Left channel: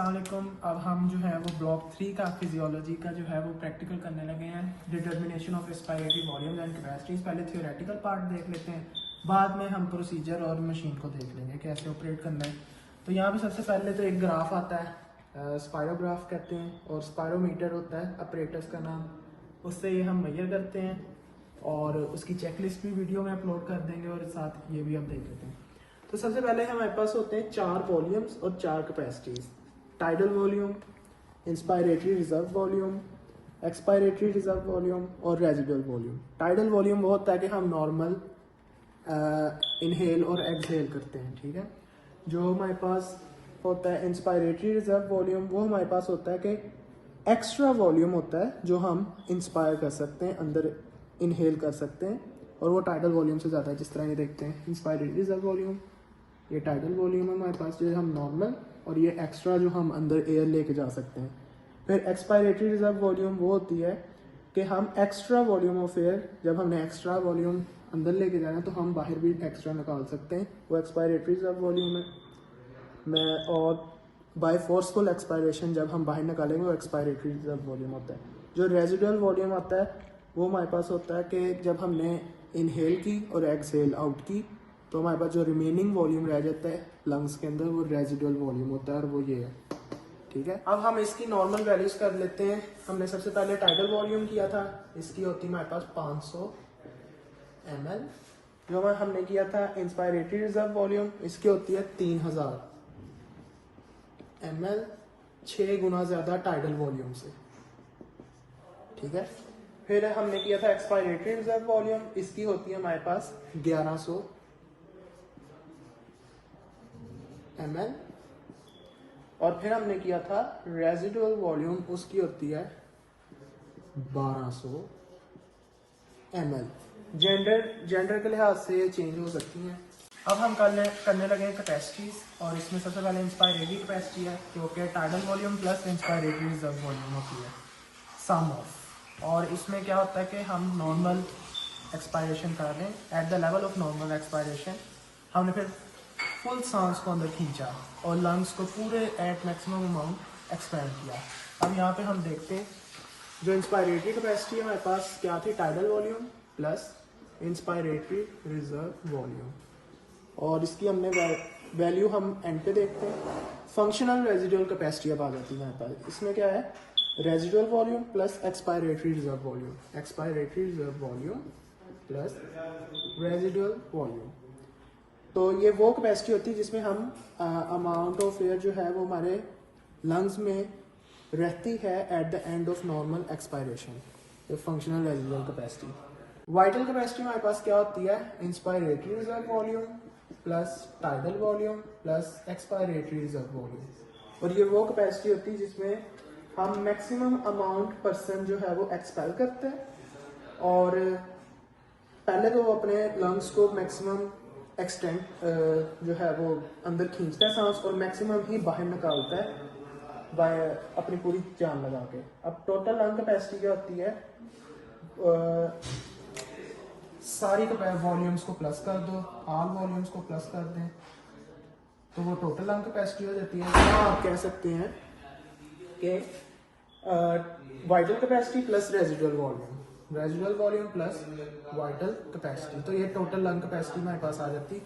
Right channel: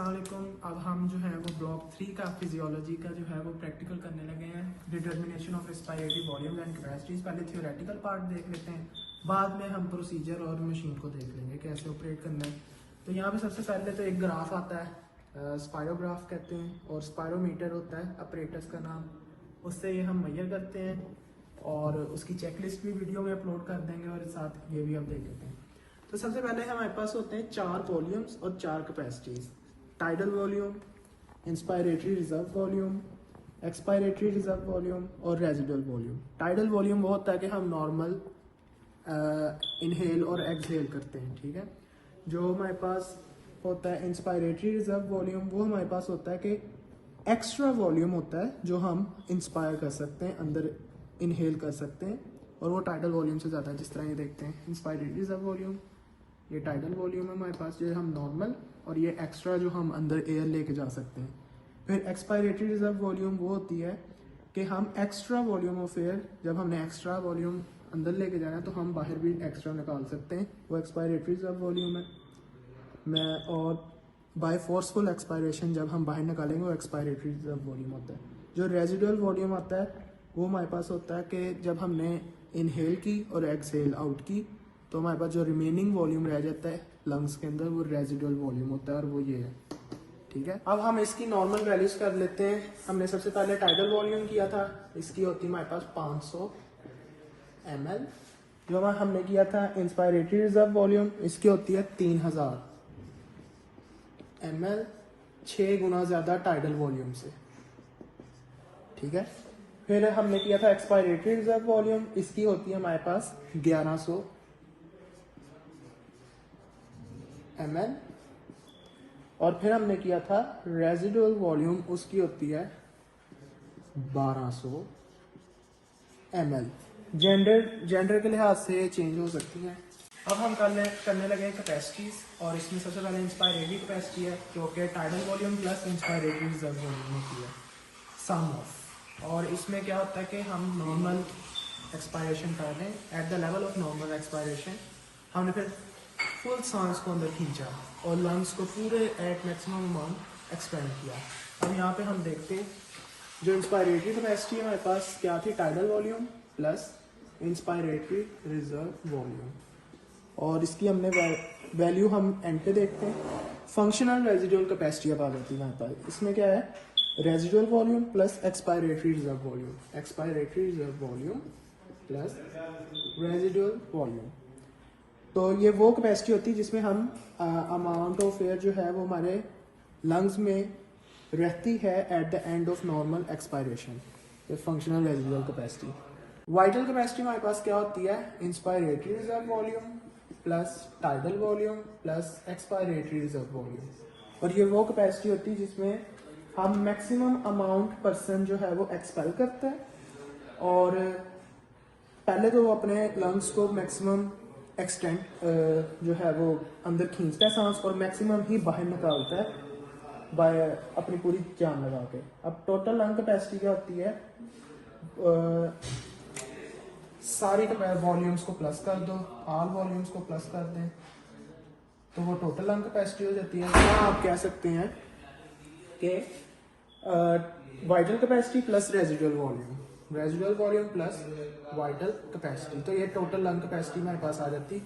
अस्सलाम वालेकुम। अब हम जो है वो ब्लॉक 3 का फिजियोलॉजी का जो है वो प्रैक्टिकल करने लगे हैं। Determination of respiratory volume and capacities. पहले थियोरेटिकल पार्ट देख लेते हैं, बाद में हम प्रोसीजर और मशीन को देख लेंगे कैसे ऑपरेट करना है। तो यहाँ पे सबसे पहले तो एक ग्राफ आता है, स्पायरोग्राफ कहते हैं, और स्पायरोमीटर होता है अपरेटस का नाम। उससे ये हम मेजर करते हैं और उसकी चेकलिस्ट भी वीडियो में अपलोड कर देंगे और साथ ये भी हम देख लेते हैं। तो सबसे पहले हमारे पास होते हैं 4 वॉल्यूम्स और 4 capacities. Tidal volume, inspiratory reserve volume, expiratory reserve volume और रेजिडुअल वॉल्यूम। टाइडल वॉल्यूम वो होता है कि हम नॉर्मल इनहेल और एक्सहेल करते हैं, ठीक है। जो हमारे पास होता है इंस्पायरेटरी रिजर्व वॉल्यूम, वो हमारे पास होता है कि एक्स्ट्रा वॉल्यूम होता है जो हम इंस्पायर कर सकते हैं, अंदर इनहेल कर सकते हैं, और वो टाइडल वॉल्यूम से ज़्यादा है। जिस तरह ये देखते हैं इंस्पायरेटरी रिजर्व वॉल्यूम, ये टाइडल वॉल्यूम है हमारे पास जो हम नॉर्मल, और ये एक्स्ट्रा जो हम अंदर एयर लेके जा सकते हैं। फिर एक्सपायरेटरी रिजर्व वॉल्यूम वो होती है कि हम एक्स्ट्रा वॉल्यूम ऑफ एयर, जब हमने एक्स्ट्रा वॉल्यूम अंदर लेके जाना है तो हम बाहर भी एक्स्ट्रा निकाल सकते हैं, वो एक्सपायरेटरी रिजर्व वॉल्यूम है। और बाय फोर्सफुल एक्सपायरेशन जब हम बाहर निकालेंगे वो एक्सपायरेटरी रिजर्व वॉल्यूम होता है। जो रेजिडुअल वॉल्यूम आता है वो हमारे पास होता है कि जब हमने इनहेल की और एक्सहेल आउट की तो हमारे पास जो रिमेनिंग वॉल्यूम रह जाता है लंग्स के अंदर वो रेजिडुअल वॉल्यूम होता है, और वो ये है, ठीक है। अब हम इसकी नॉर्मल वैल्यूज कर लेते हैं। हमने सबसे पहले टाइडल वॉल्यूम किया था, इसकी होती है हमारे पास 500 ml। जो हमने किया था इंस्पायरेटरी रिजर्व वॉल्यूम, इसकी होती है 3000 ml, 6 गुना ज्यादा टाइडल वॉल्यूम से, ठीक है। फिर हमने किया था एक्सपायरेटरी रिजर्व वॉल्यूम, इसकी होती है हमारे पास 1100 ml। और फिर हमने किया था रेजिडुअल वॉल्यूम, उसकी होती है 1200 ml। जेंडर के लिहाज से चेंज हो सकती हैं। अब हम करने लगे हैं कैपेसिटीज, और इसमें सबसे पहले इंस्पायरेटरी कैपेसिटी है जो कि tidal volume plus inspiratory reserve volume होती है, सम ऑफ। और इसमें क्या होता है कि हम नॉर्मल एक्सपायरेशन कर रहे हैं, at the level of normal expiration हमने फिर फुल सांस को अंदर खींचा और लंग्स को पूरे एट मैक्सिमम अमाउंट एक्सपेंड किया। अब यहाँ पे हम देखते हैं जो इंस्पायरेटरी कैपेसिटी है हमारे पास क्या थी, tidal volume plus inspiratory reserve volume, और इसकी हमने वैल्यू हम एंड पे देखते हैं। फंक्शनल रेजिडुअल कैपेसिटी अब आ जाती है हमारे पास। इसमें क्या है, residual volume plus expiratory reserve volume, expiratory reserve volume plus residual volume. तो ये वो कैपेसिटी होती है जिसमें हम अमाउंट ऑफ एयर जो है वो हमारे लंग्स में रहती है at the end of normal expiration, तो functional residual capacity. Vital capacity हमारे पास क्या होती है, inspiratory reserve volume plus tidal volume plus expiratory reserve volume. और ये वो कैपेसिटी होती है जिसमें हम मैक्सिमम अमाउंट पर्सन जो है वो एक्सपेल करते हैं, और पहले तो वो अपने लंग्स को मैक्सिमम एक्सटेंट जो है वो अंदर खींचता है सांस, और मैक्सिमम ही बाहर निकालता है बाय अपनी पूरी जान लगा के। अब टोटल लंग कैपेसिटी क्या होती है, सारी वॉल्यूम्स को प्लस कर दो, ऑल वॉल्यूम्स को प्लस कर दें तो वो टोटल लंग कैपेसिटी हो जाती है। तो आप कह सकते हैं कि vital capacity plus residual volume, residual volume plus vital capacity, तो ये टोटल लंग कैपेसिटी हमारे पास आ जाती।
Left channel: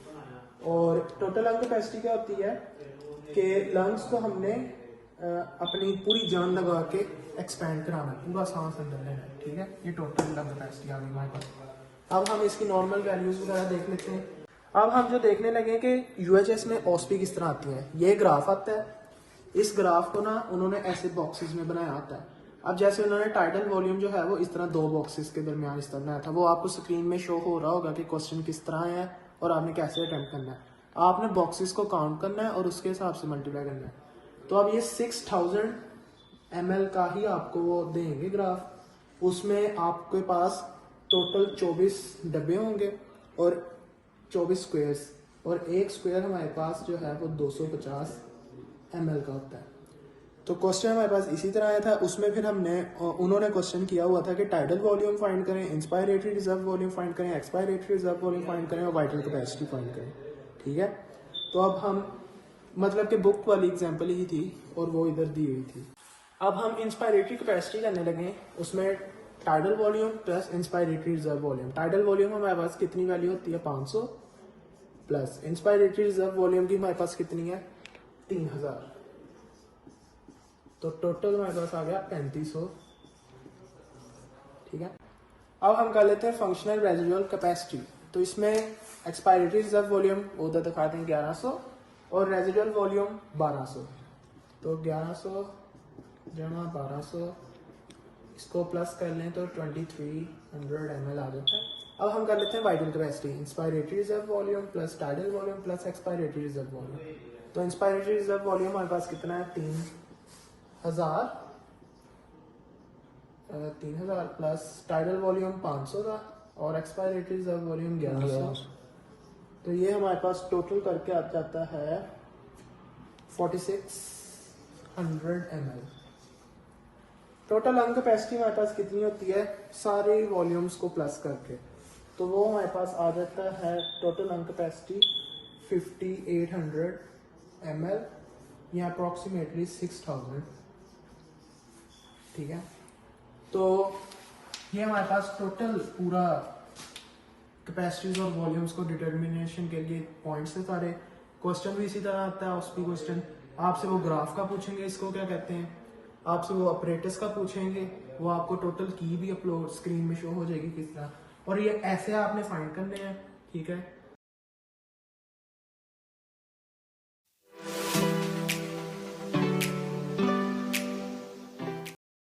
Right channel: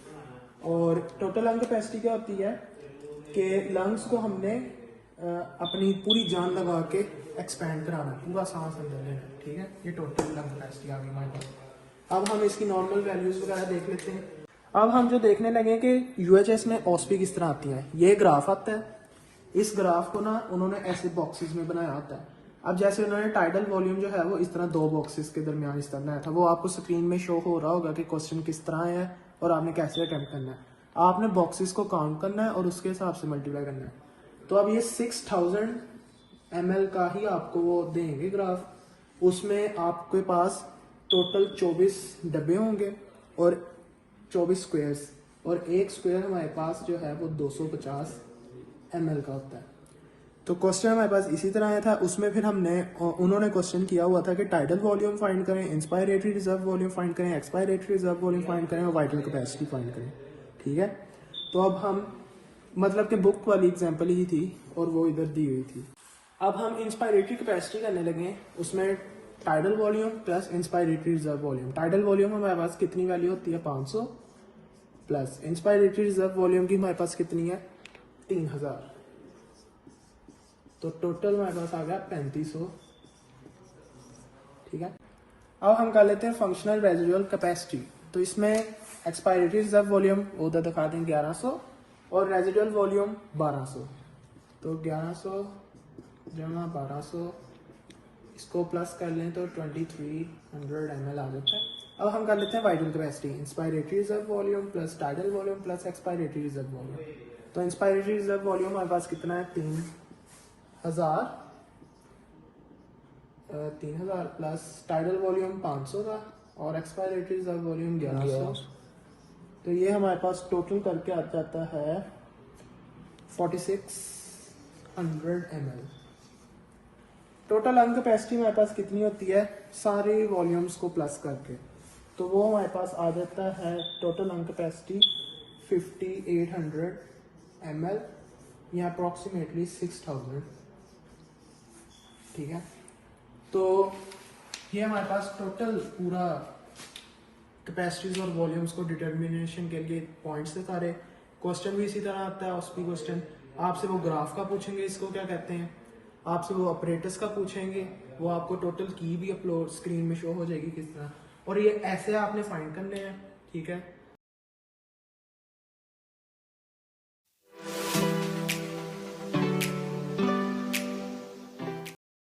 और टोटल लंग कैपेसिटी क्या होती है कि लंग्स को हमने अपनी पूरी जान लगा के एक्सपेंड कराना है, पूरा सांस अंदर लेना है, ठीक है। ये टोटल लंग कैपेसिटी आ गई हमारे पास। अब हम इसकी नॉर्मल वैल्यूज वगैरह देख लेते हैं। अब हम जो देखने लगे कि यूएचएस में ओएसपी किस तरह आती है, ये ग्राफ आता है। इस ग्राफ को ना उन्होंने ऐसे बॉक्सेस में बनाया होता है। अब जैसे उन्होंने टाइडल वॉल्यूम जो है वो इस तरह 2 बॉक्सेस के दरमियान इस तरह बनाया था, वो आपको स्क्रीन में शो हो रहा होगा कि क्वेश्चन किस तरह है और आपने कैसे अटेम्प्ट करना है। आपने बॉक्सेस को काउंट करना है और उसके हिसाब से मल्टीप्लाई करना है। तो अब ये 6000 ml का ही आपको वो देंगे ग्राफ, उसमें आपके पास टोटल 24 डब्बे होंगे और 24 स्क्वायर्स, और एक स्क्वायर हमारे पास जो है वो 250 ml का होता है। तो क्वेश्चन हमारे पास इसी तरह आया था। उसमें फिर उन्होंने क्वेश्चन किया हुआ था कि टाइडल वॉल्यूम फाइंड करें, इंस्पायरेटरी रिजर्व वॉल्यूम फाइंड करें, एक्सपायरेटरी रिजर्व वॉल्यूम फाइंड करें और वाइटल कैपेसिटी फाइंड करें, ठीक है। तो अब हम मतलब कि बुक वाली एग्जांपल ही थी और वो इधर दी हुई थी। अब हम इंस्पायरेटरी कैपेसिटी करने लगे, उसमें tidal volume plus inspiratory reserve volume. Tidal volume हमारे पास कितनी वैल्यू होती है 500 प्लस इंस्पायरेटरी रिजर्व वॉल्यूम की हमारे पास कितनी है 3000, तो टोटल हमारे पास आ गया 3500। ठीक है, अब हम कर लेते हैं फंक्शनल रेजिडुअल कैपेसिटी। तो इसमें एक्सपायरेटरी रिजर्व वॉल्यूम उधर दिखा दें 1100 और रेजिडुअल वॉल्यूम 1200, तो 1100 जमा 1200 इसको प्लस कर लें तो 2300 ml आ जाता है। अब हम कर लेते हैं vital capacity, inspiratory reserve volume plus tidal volume plus expiratory reserve volume. तो इंस्पायरेटरी रिजर्व वॉल्यूम हमारे पास कितना है 3000 प्लस टाइडल वॉल्यूम 500 का और एक्सपायरेटरी रिजर्व वॉल्यूम 1100, तो ये हमारे पास टोटल करके आ जाता है 4600 ml। टोटल लंग कैपेसिटी हमारे पास कितनी होती है सारे वॉल्यूम्स को प्लस करके, तो वो हमारे पास आ जाता है टोटल लंग कैपेसिटी 5800 ml या अप्रोक्सीमेटली 6000। ठीक है, तो ये हमारे पास टोटल पूरा कैपेसिटीज और वॉल्यूम्स को डिटर्मिनेशन के लिए पॉइंट्स थे सारे। क्वेश्चन भी इसी तरह आता है, उस भी क्वेश्चन आपसे वो ग्राफ का पूछेंगे, इसको क्या कहते हैं, आपसे वो ऑपरेटर्स का पूछेंगे, वो आपको टोटल की भी अपलोड स्क्रीन में शो हो जाएगी किस तरह, और ये ऐसे आपने फाइंड करने हैं। ठीक है,